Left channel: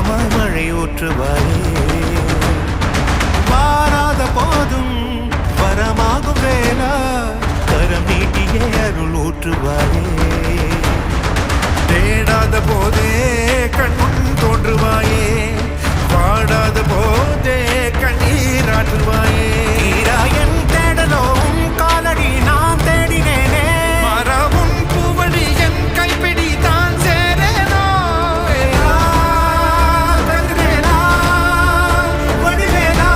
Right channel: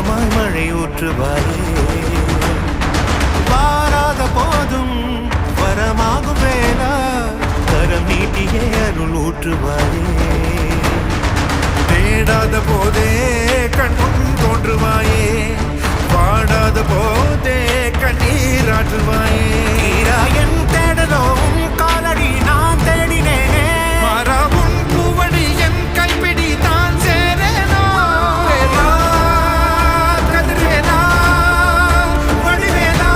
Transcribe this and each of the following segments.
மேகமாய் மழை ஊற்றுவாயே வாராத போதும் வரமாகும் வேளா கரம் நீட்டியே அருள் ஊற்றுவாயே தேடாத போதே கண்முன் தோன்றுவாயே பாடாத போதே கண்ணீராற்றுவாயே என் தேடலும் காலடி நான் தேடினேனே மரபும் பூவடி என் கைப்பிடி தான் சேரேனோ கதிரேனா வடிவேலா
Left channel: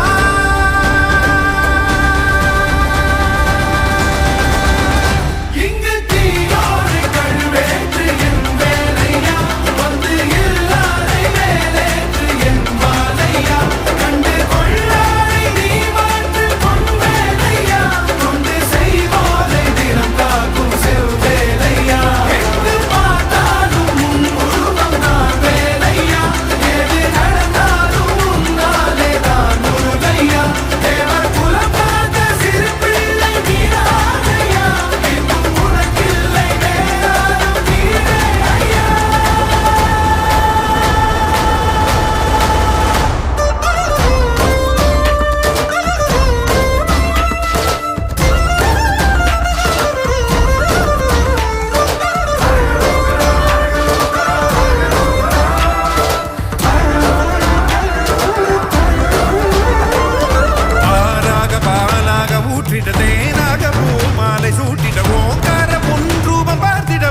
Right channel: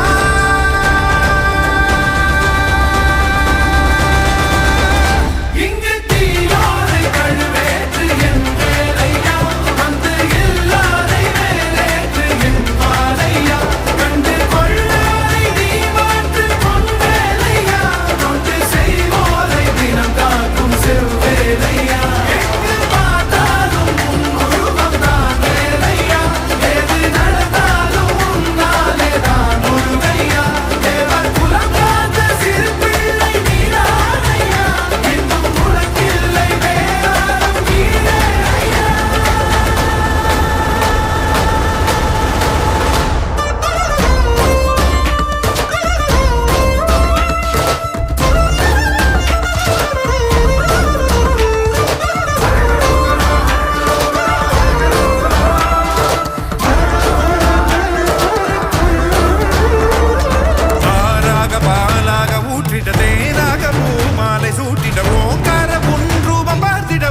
இங்கு தீயோடு கழுவேற்று என் வேலையா வந்து இல்லாதை வேலேற்று என் வாழையா கண்டு கொள்ளாரை நீ மாற்று பொன் வேலையா கொண்டு செய்வோரை தினம் காக்கும் செவ்வேலையா எங்கு பார்த்தாலும் உன் உருவம் தான் வேலையா எது நடந்தாலும் உன்னாலே தான் முருகையா தேவர் குலம் பார்த்த சிறு பிள்ளை நீராதையா இன்னும் உனக்கில்லை வேறாரும் நீரே ஐயா ஆறாக பாலாக ஊற்றிட தேனாக பூமாலை சூட்டிட ஓங்கார பொன் ரூபம் பார்த்திட